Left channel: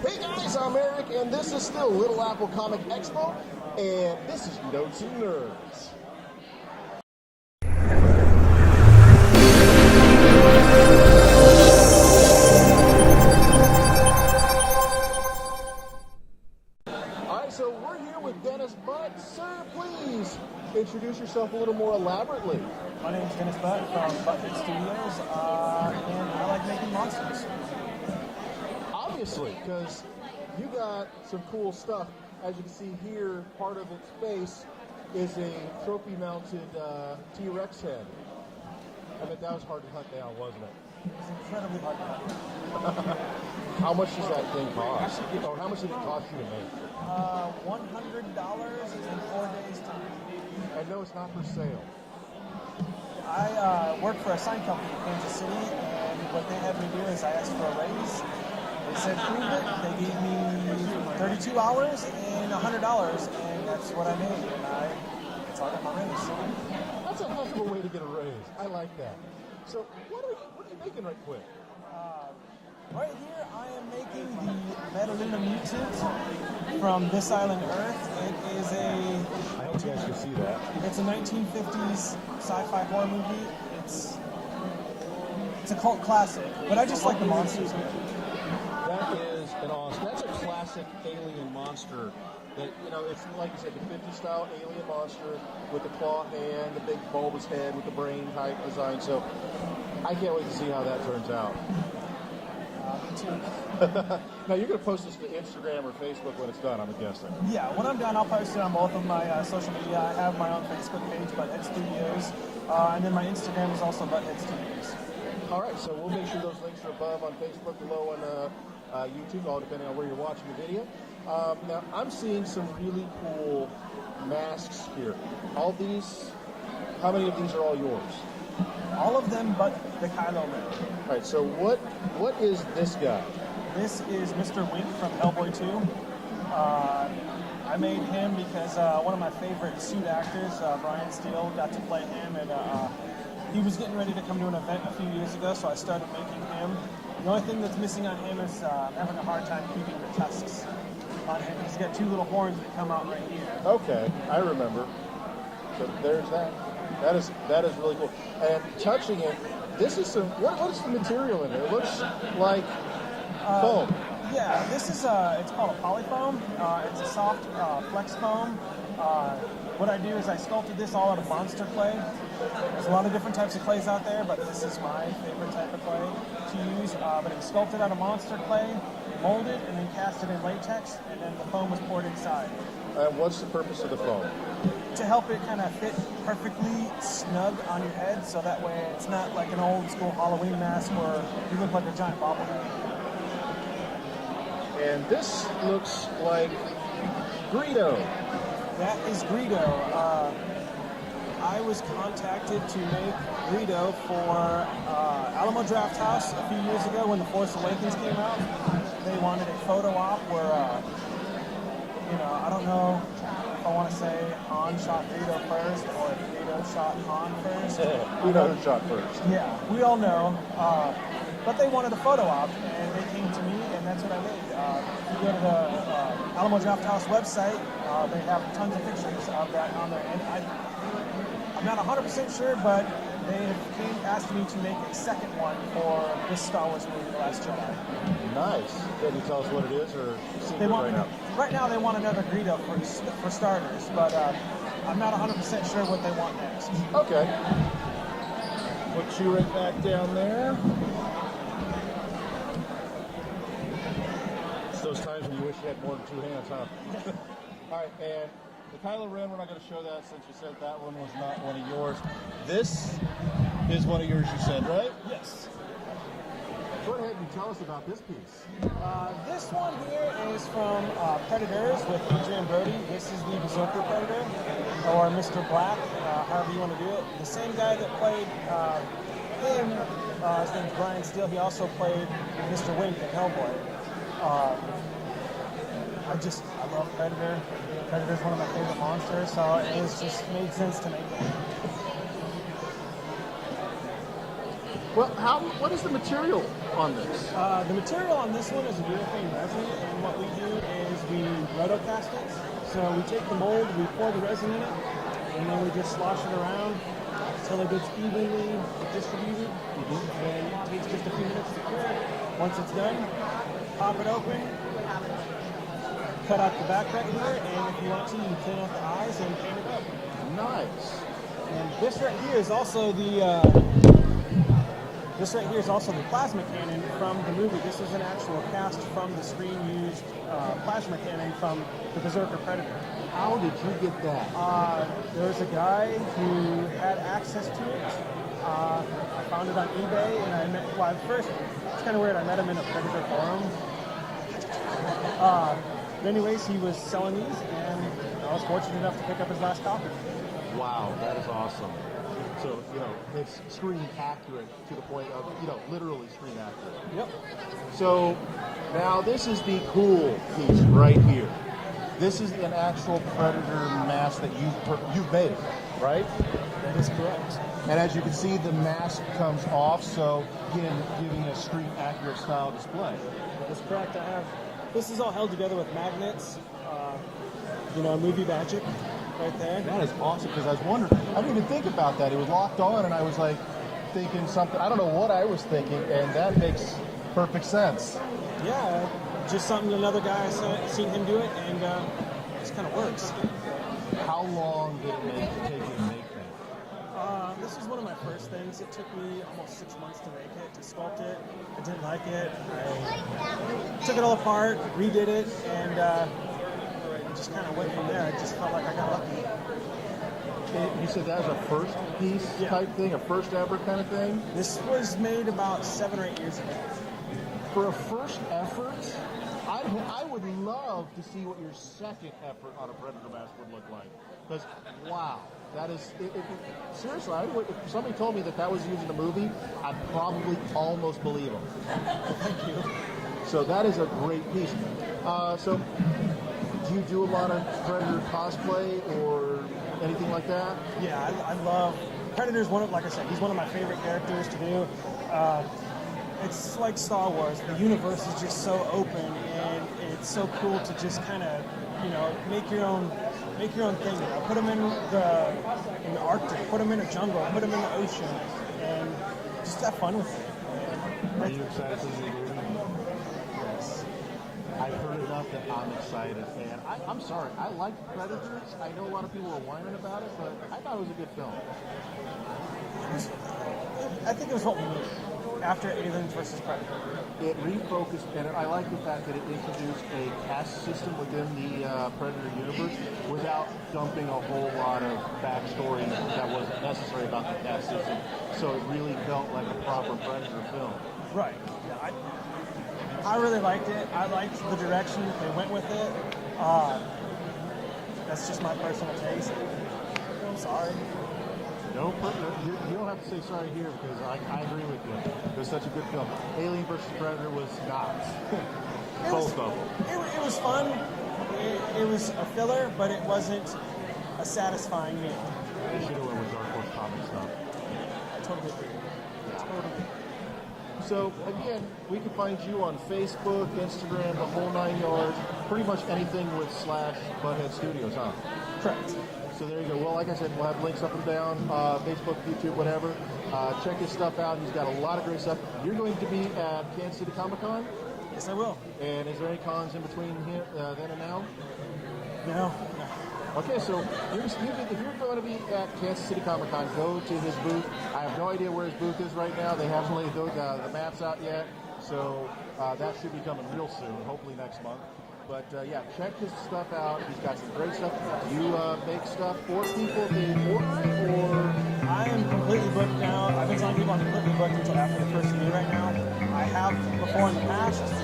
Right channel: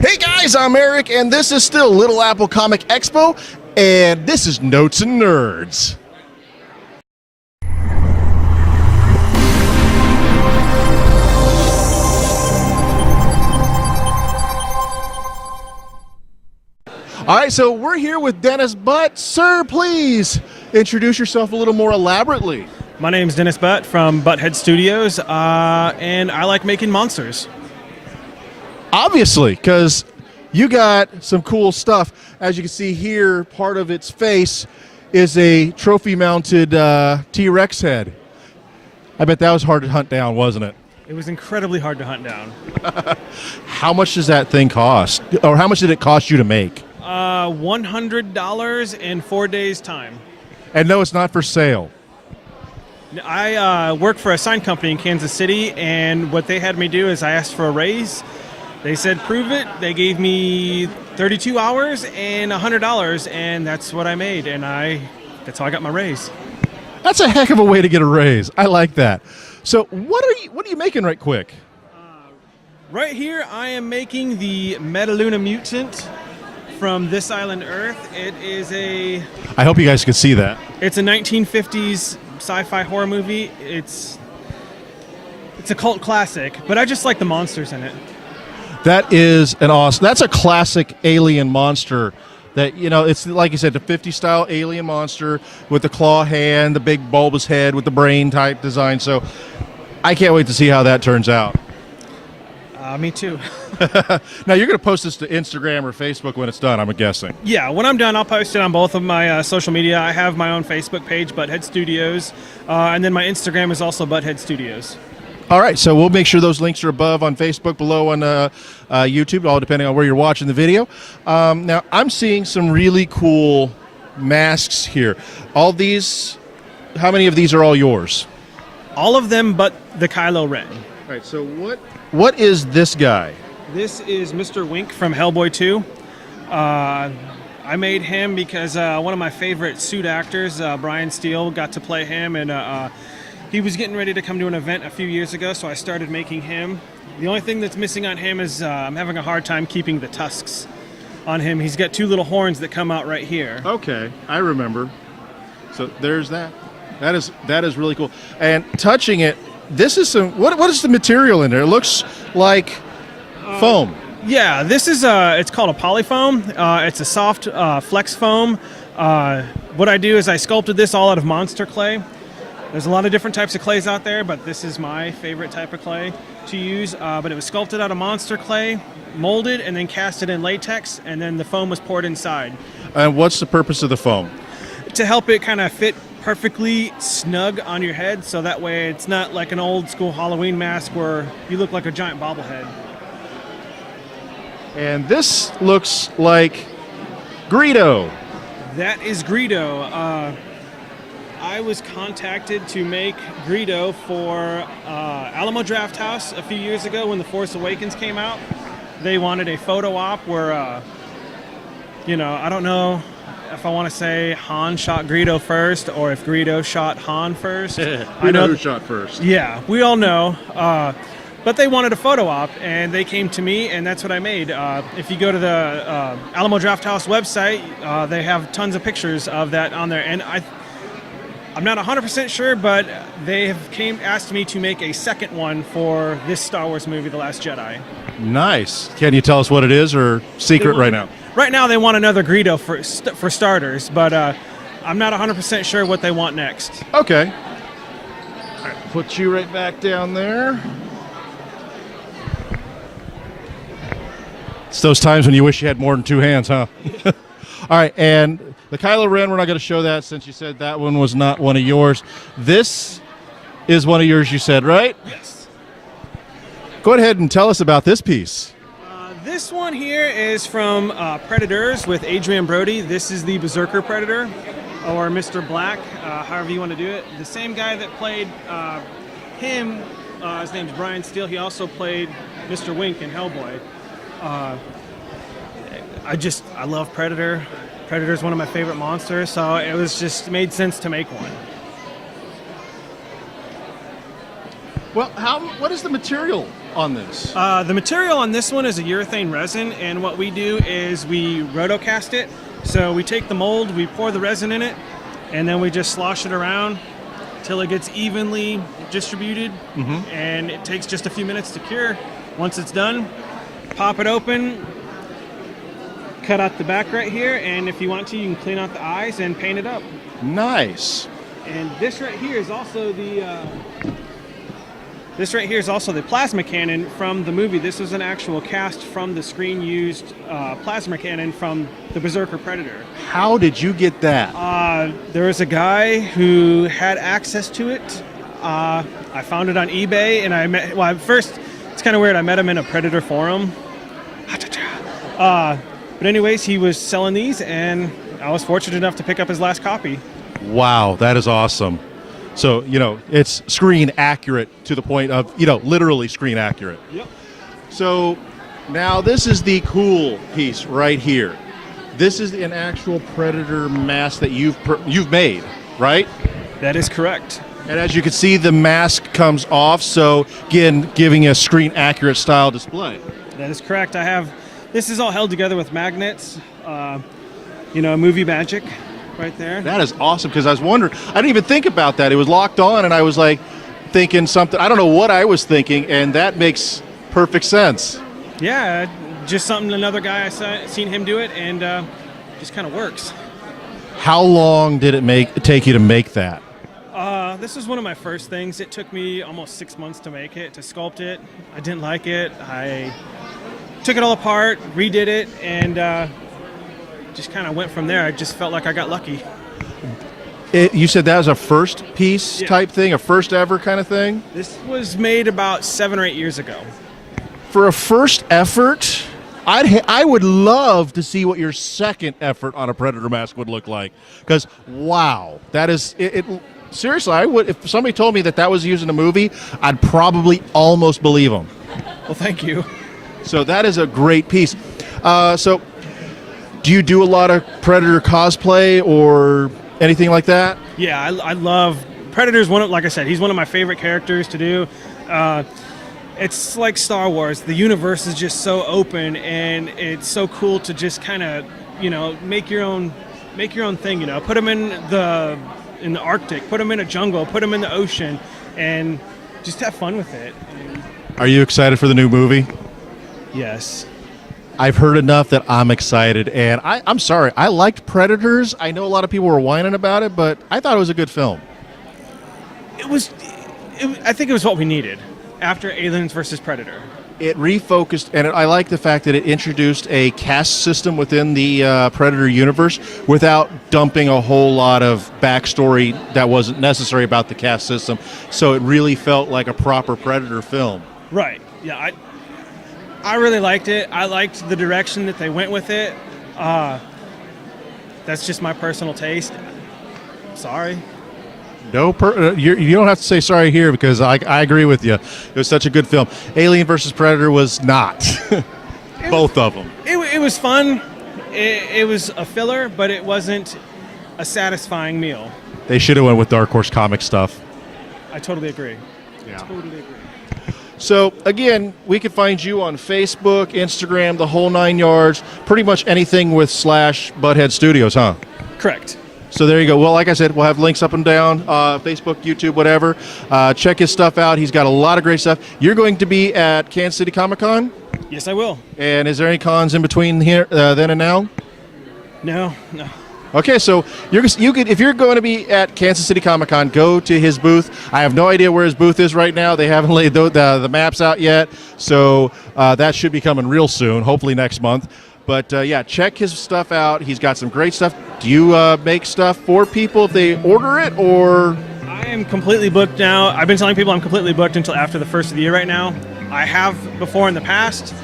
Hey guys, I'm Eric, and this is still Little Apple Comic Expo, and this is Notes and Nerds. All right, so we're here with Dennis Butt. Sir, please introduce yourself a little more elaborately. My name's Dennis Butt from Butthead Studios, and I like making monsters. Obviously, because you got some cool stuff. As you can see here, part of its face is a trophy-mounted T-Rex head. I bet that was hard to hunt down, wasn't it? It was incredibly hard to hunt down. How much does that thing cost? Or how much did it cost you to make? $100 in 4 days' time. And no, it's not for sale. I work for a sign company in Kansas City, and what they had me do is I asked for a raise. They said, prove it. They gave me 32 hours and $100, and that's what I made, and that's how I got my raise. That's a heck of a way to get a raise. I like that. So what are you making right quick? Right here, I am making the Metaluna Mutant from This Island Earth. It is I hope you guys can see that. It's a 1950s sci-fi horror movie. It's a cult classic, but I just like the monsters in it. That is that's a classic alien monster that, it's like you said, the 50s style alien monster with the claw hand, the big bulbous head with the brain type design. So I can't wait to see how that turns out. Me too. Now you're going to post this to Instagram or Facebook when it's done, I'm guessing. Yeah, when I'm done, I'll post it on both of my social media. I have my own Facebook page, Butthead Studios, and then my Instagram is also Butthead Studios. All right, so we'll make sure those links are above on Facebook, below on YouTube, all depending on where you're watching the video. Now, I'm seeing some really cool masks here. All these, how many of these are all yours? All of them but the Kylo Ren. All right, so what is this guy? This is Mr. Wink from Hellboy 2. I made him because one of my favorite suit actors, Brian Steele, got to play him, and he was getting ready to come to an event a few years ago, so I started making him. The only thing that's missing on him is I'm having a hard time keeping the tusks on him. He's got two little horns that come out right here. Okay, I remember. So there's that. That is really cool. And touching it, this is some. What is the material in there? It looks like foam. Yeah, this is it's called a polyfoam. It's a soft flex foam. What I do is I sculpted this all out of monster clay. There's a lot of different types of clays out there, but this is my favorite type of clay to use. But it was sculpted out of monster clay, molded, and then casted in latex, and then the foam was poured inside. And what's the purpose of the foam? To help it kind of fit perfectly snug on your head, so that way it's not like an old school Halloween mask where you look like a giant bobblehead. And this looks like Greedo. That is Greedo. I was contacted to make Greedo for Alamo Drafthouse a few years ago when The Force Awakens came out. They wanted a photo op where, I don't know if I want to say Han shot Greedo first or if Greedo shot Han first. We know who shot first. Yeah, we all know. But they wanted a photo op, and they came to me, and that's what I made. If you go to the Alamo Drafthouse website, they have tons of pictures of that on there. And I'm not 100% sure, but they have asked me to make a second one for this Star Wars movie, The Last Jedi. Nice. Can you tell us what it is, or secret right now? Right now, they want another Greedo for starters, but I'm not 100% sure what they want next. Okay. All right, put you right back down there. It's those times when you wish you had more than two hands, huh? All right, and the Kylo Ren, we're not going to show that since you said that one was not one of yours. This is one of yours, you said, right? Yes. Go ahead and tell us about this piece. This one here is from Predators with Adrian Brody. This is the Berserker Predator, or Mr. Black, however you want to do it. The same guy that played him, his name's Brian Steele. He also played Mr. Wink in Hellboy. I love Predator. Predator's one of my favorite monsters, so it was just made sense to make one. Well, what is the material on this? The material on this one is a urethane resin, and what we do is we rotocast it. So we take the mold, we pour the resin in it, and then we just slosh it around till it gets evenly distributed, and it takes just a few minutes to cure. Once it's done, pop it open, cut out the back right here, and if you want to, you can clean out the eyes and paint it up. Nice. And this right here is also the plasma cannon from the movie. This was an actual cast from the screen-used plasma cannon from the Berserker Predator. How did you get that? There was a guy who had access to it. I found it on eBay, and first, it's kind of weird. I met him in a Predator forum. But anyways, he was selling these, and I was fortunate enough to pick up his last copy. Wow, that is awesome. So, it's screen accurate to the point of, literally screen accurate. Yep. So now this is the cool piece right here. This is an actual Predator mask that you've made, right? That is correct. And as you can see, the mask comes off, so again, giving a screen accurate style display. That is correct. This is all held together with magnets, movie magic right there. That is awesome, because I was wondering, I didn't even think about that. It was locked on, and I was like thinking something, I don't know what I was thinking, and that makes perfect sense. Yeah, just something another guy seen him do it, and just kind of works. How long did it take you to make that? This was one of my first things. It took me almost 6 months to make it, to sculpt it. I didn't like it. I took it all apart, redid it, and just kind of went from there. I just felt like I got lucky. You said that was a first piece type thing, a first ever kind of thing? This was made about 7 or 8 years ago. For a first effort, I would love to see what your second effort on a Predator mask would look like. Because, wow, that is... Seriously, I would. If somebody told me that was used in a movie, I'd probably almost believe them. Well, thank you. So that is a great piece. So do you do a lot of Predator cosplay or anything like that? Yeah, I love Predator's like I said, he's one of my favorite characters to do. It's like Star Wars. The universe is just so open, and it's so cool to just kind of, make your own thing. Put them in the Arctic, put them in a jungle, put them in the ocean, and just have fun with it. Are you excited for the new movie? Yes. I've heard enough that I'm excited, and I'm sorry, I liked Predators. I know a lot of people were whining about it, but I thought it was a good film. I think it was what we needed after Aliens versus Predator. It refocused, and I like the fact that it introduced a caste system within the Predator universe without dumping a whole lot of backstory that wasn't necessary about the caste system. So it really felt like a proper Predator film. Right. Yeah, I really liked it. I liked the direction that they went with it. That's just my personal taste. Sorry. No, you don't have to say sorry here, because I agree with you. It was such a good film. Alien versus Predator was not. Both of them. It was fun. It was a filler, but it wasn't a satisfying meal. They should have went with Dark Horse comic stuff. I totally agree. Yeah. Totally agree. So, again, we can find you on Facebook, Instagram, the whole 9 yards, pretty much anything with /Butthead Studios, huh? Correct. So there you go. Well, like I said, we'll have links up and down, Facebook, YouTube, whatever. Check his stuff out. He's got a lot of great stuff. You're going to be at Kansas City Comic-Con? Yes, I will. And is there any cons in between here, then and now? No. Okay, so you could, if you're going to be at Kansas City Comic-Con, go to his booth. I have no idea where his booth is right now. They haven't laid the maps out yet, so that should be coming real soon, hopefully next month. But yeah, check his stuff out. He's got some great stuff. Do you make stuff for people if they order it, or? I am completely booked now. I've been telling people I'm completely booked until after the first of the year right now. I have before in the past,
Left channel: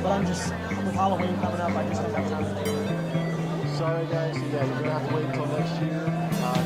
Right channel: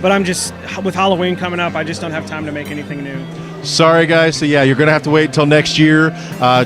but I'm just, with Halloween coming up, I just don't have time to make anything new. Sorry, guys. So yeah, you're gonna have to wait until next year.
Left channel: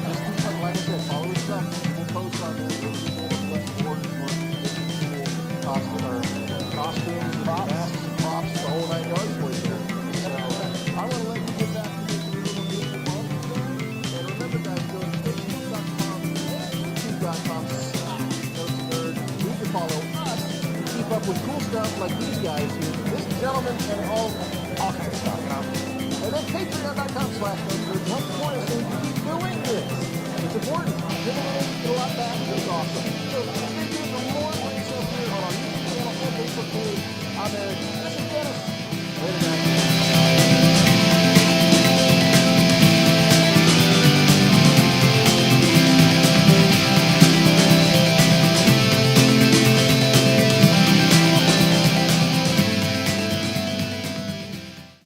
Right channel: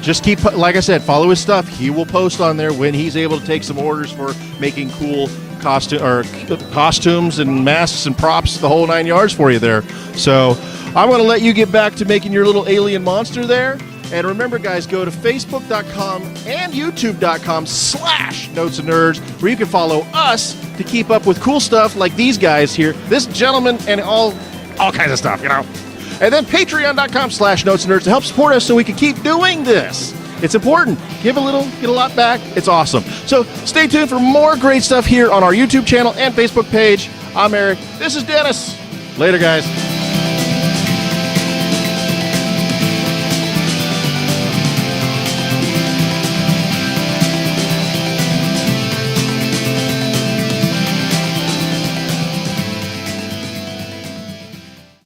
Just keep, like I said, follow his stuff. He will post on there when he's able to take some orders for making cool costumes and masks and props, the whole 9 yards for you there. So I'm gonna let you get back to making your little alien monster there. And remember, guys, go to facebook.com and youtube.com/Notes and Nerds, where you can follow us to keep up with cool stuff like these guys here, this gentleman, and all kinds of stuff, you know. And then patreon.com/Notes and Nerds to help support us so we can keep doing this. It's important. Give a little, get a lot back. It's awesome. So stay tuned for more great stuff here on our YouTube channel and Facebook page. I'm Eric. This is Dennis. Later, guys.